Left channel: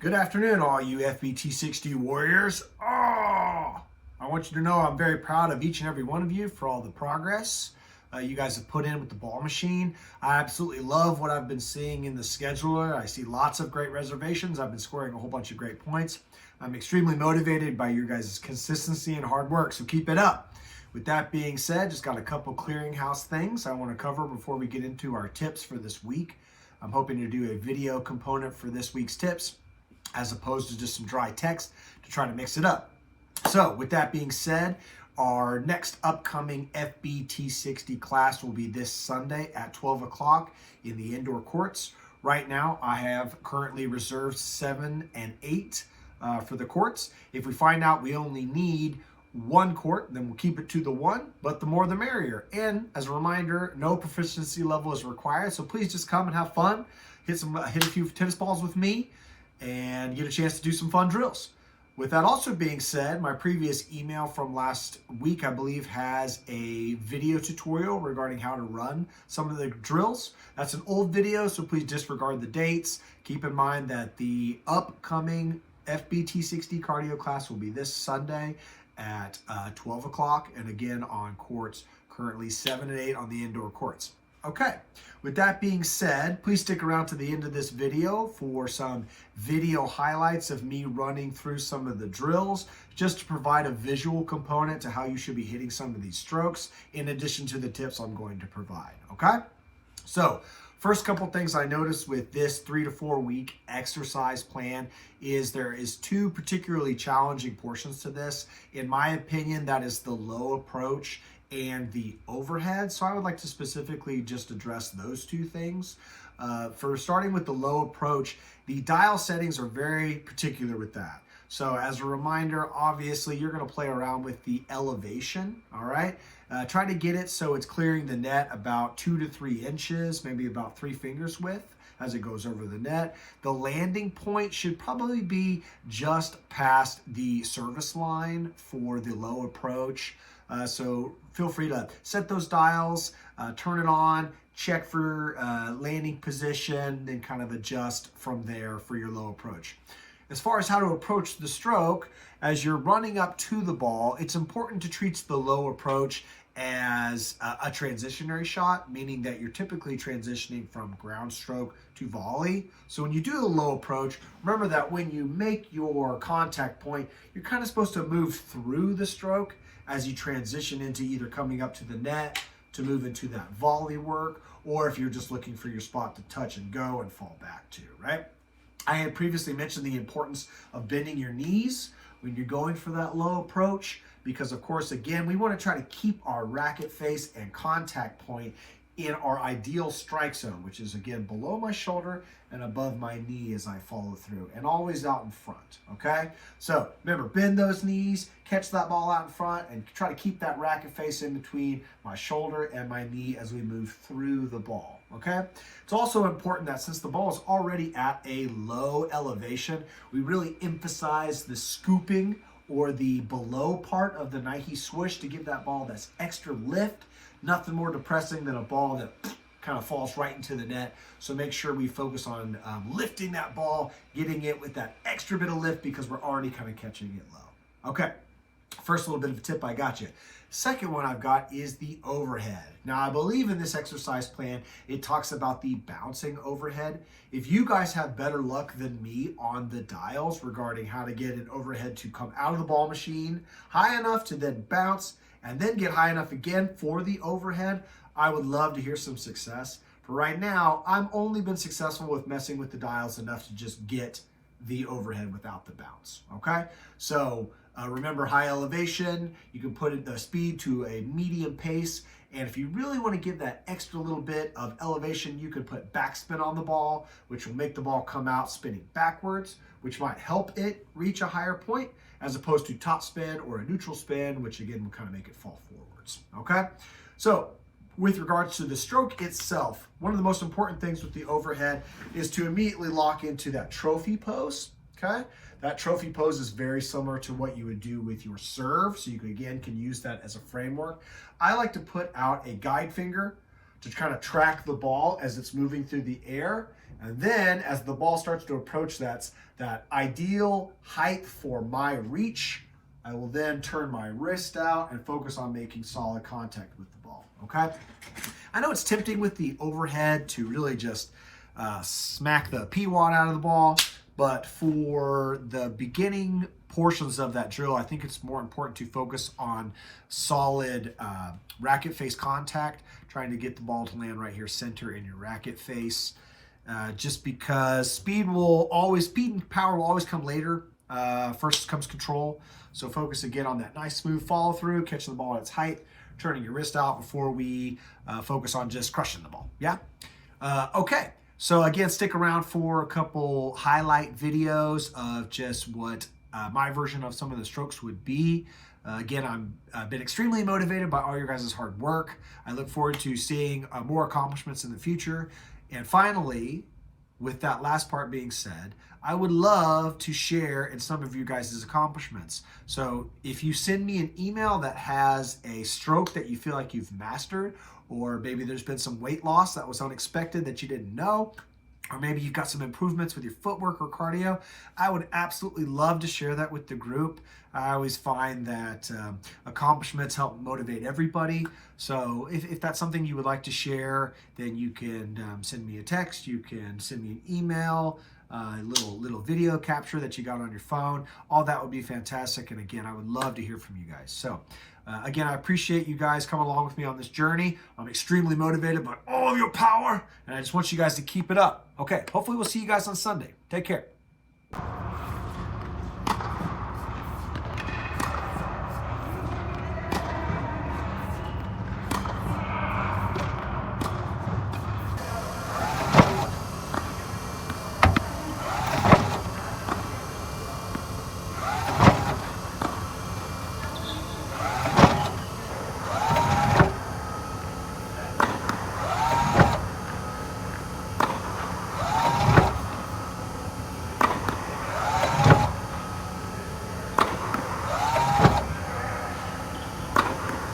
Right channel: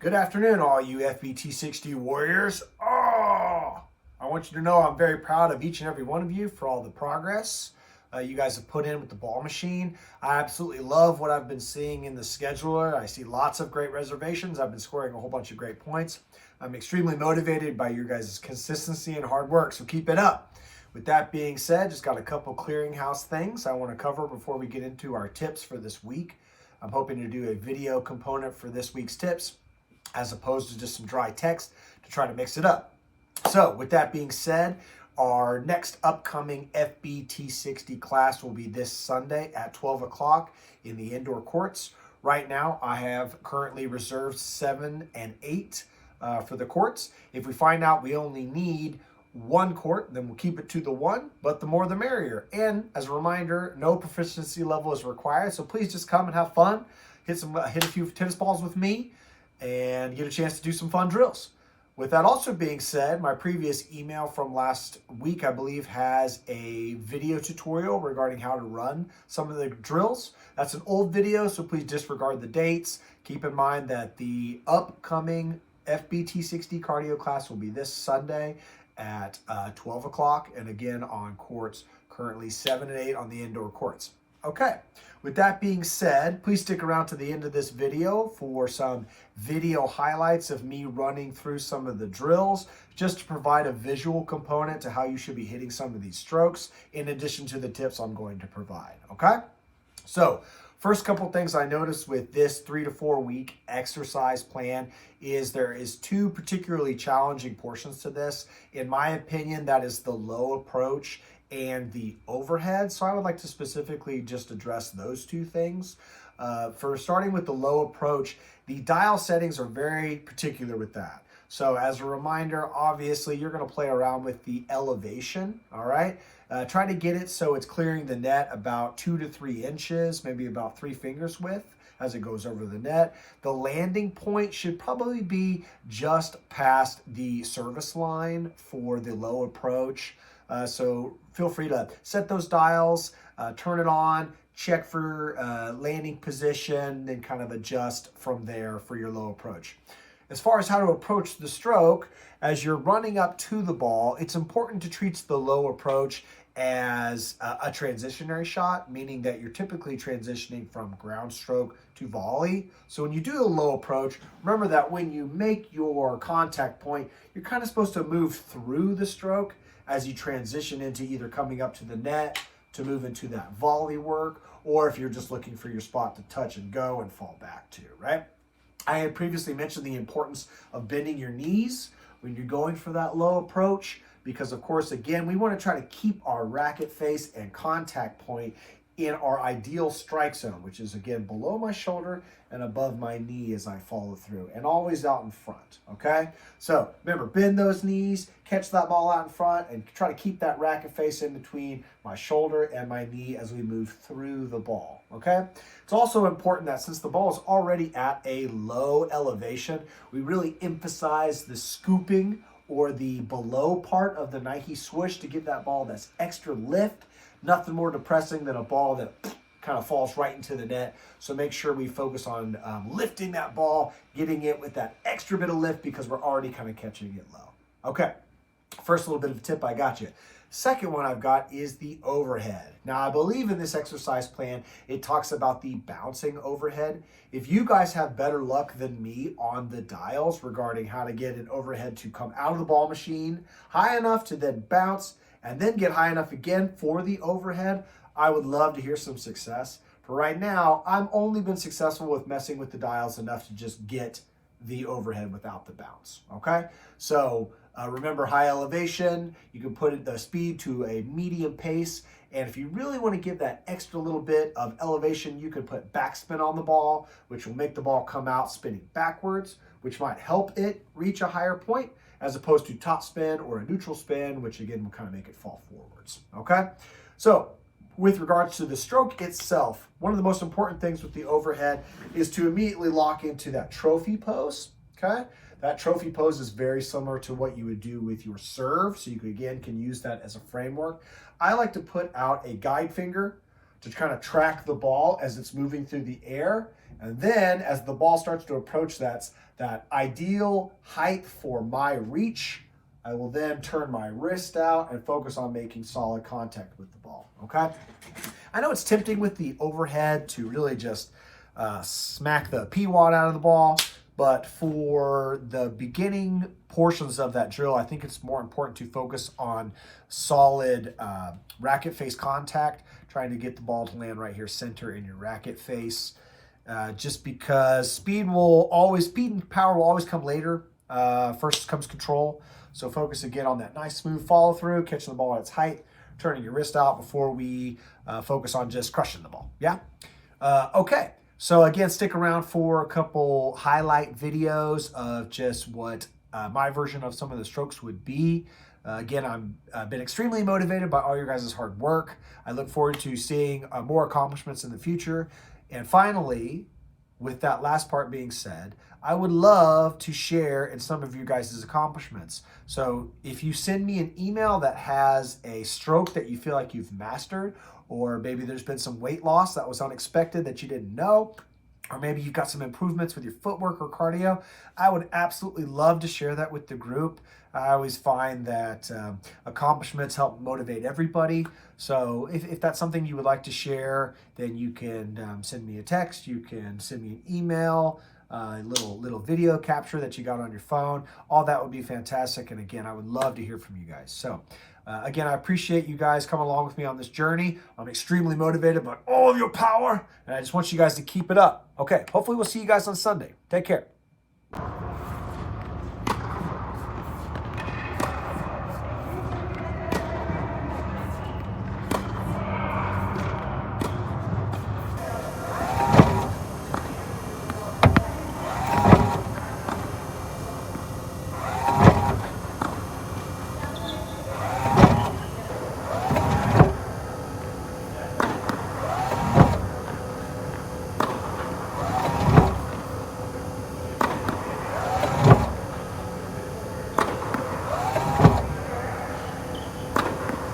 Good afternoon, all you Fbt60 warriors. I want you to know I'm very proud of each and every one of you for all the progress you guys have put in with the ball machine. I absolutely love what I've been seeing in the scheduler. I see lots of great reservations. I've been scoring a whole bunch of great points. I'm extremely motivated by your guys' consistency and hard work, so keep it up. With that being said, just got a couple clearinghouse things I want to cover before we get into our tips for this week. I'm hoping to do a video component for this week's tips, as opposed to just some dry text to try to mix it up. So with that being said, our next upcoming Fbt60 class will be this Sunday at 12 o'clock in the indoor courts. Right now, I have currently reserved 7 and 8 for the courts. If we find out we only need one court, then we'll keep it to the one, but the more the merrier. And as a reminder, no proficiency level is required, so please just come and have fun. Hit a few tennis balls with me and get a chance to do some fun drills. With that also being said, my previous email from last week, I believe, has a video tutorial regarding how to run some of the drills. That's an old video, so please disregard the dates. Keep in mind that the upcoming Fbt60 cardio class will be this Sunday at 12 o'clock, and again on courts, currently 7 and 8 on the indoor courts. Okay, with that being said, please stick around to the end of this video for some video highlights of me running through some of the drills, just to provide a visual component to how you should be hitting some of these strokes, in addition to the tips I'm going to provide, okay? So, first couple things I noticed with this 3 to 4 week exercise plan is there is two particularly challenging portions to this. In my opinion, that is the low approach and the overhead. So I would like to specifically just address those two things. For starting with the low approach, the dial settings are very particular with that. So as a reminder, obviously you're going to play around with the elevation, all right? Try to get it so it's clearing the net about 2 to 3 inches, maybe about 3 fingers width as it goes over the net. The landing point should probably be just past the service line for the low approach. So feel free to set those dials, turn it on, check for landing position, then kind of adjust from there for your low approach. As far as how to approach the stroke, as you're running up to the ball, it's important to treat the low approach as a transitionary shot, meaning that you're typically transitioning from ground stroke to volley. So when you do the low approach, remember that when you make your contact point, you're kind of supposed to move through the stroke as you transition into either coming up to the net to move into that volley work, or if you're just looking for your spot to touch and go and fall back to, right? I had previously mentioned the importance of bending your knees when you're going for that low approach, because of course, again, we want to try to keep our racket face and contact point in our ideal strike zone, which is again below my shoulder and above my knee as I follow through, and always out in front, okay? So remember, bend those knees, catch that ball out in front, and try to keep that racket face in between my shoulder and my knee as we move through the ball, okay? It's also important that since the ball is already at a low elevation, we really emphasize the scooping or the below part of the Nike swoosh to give that ball that's extra lift. Nothing more depressing than a ball that kind of falls right into the net. So make sure we focus on lifting that ball, getting it with that extra bit of lift, because we're already kind of catching it low. Okay, first little bit of a tip I got you. Second one I've got is the overhead. Now, I believe in this exercise plan, it talks about the bouncing overhead. If you guys have better luck than me on the dials regarding how to get an overhead to come out of the ball machine high enough to then bounce and then get high enough again for the overhead, I would love to hear some success. For right now, I've only been successful with messing with the dials enough to just get the overhead without the bounce, okay? So remember, high elevation, you can put the speed to a medium pace, and if you really want to give that extra little bit of elevation, you can put backspin on the ball, which will make the ball come out spinning backwards, which might help it reach a higher point, as opposed to top spin or a neutral spin, which again will kind of make it fall forwards, okay? So with regards to the stroke itself, one of the most important things with the overhead is to immediately lock into that trophy pose, okay? That trophy pose is very similar to what you would do with your serve, so you can use that as a framework. I like to put out a guide finger to kind of track the ball as it's moving through the air, And then as the ball starts to approach that ideal height for my reach, I will then turn my wrist out and focus on making solid contact with the ball, okay? I know it's tempting with the overhead to really just smack the P-wad out of the ball, but for the beginning portions of that drill, I think it's more important to focus on solid racket face contact, trying to get the ball to land right here center in your racket face. Just because speed and power will always come later. First comes control. So focus again on that nice smooth follow through, catching the ball at its height, turning your wrist out before we focus on just crushing the ball. Yeah? Okay. So again, stick around for a couple highlight videos of just what my version of some of the strokes would be. Again, I've been extremely motivated by all your guys' hard work. I look forward to seeing more accomplishments in the future. And finally, with that last part being said, I would love to share in some of you guys' accomplishments. So if you send me an email that has a stroke that you feel like you've mastered, or maybe there's been some weight loss that was unexpected that you didn't know, or maybe you've got some improvements with your footwork or cardio, I would absolutely love to share that with the group. I always find that accomplishments help motivate everybody. So if that's something you would like to share, then you can send me a text, you can send me an email, little video capture that you got on your phone. All that would be fantastic. And again, I would love to hear from you guys. So again, I appreciate you guys coming along with me on this journey. I'm extremely motivated by all of your power, and I just want you guys to keep it up. Okay, hopefully we'll see you guys on Sunday. Take care.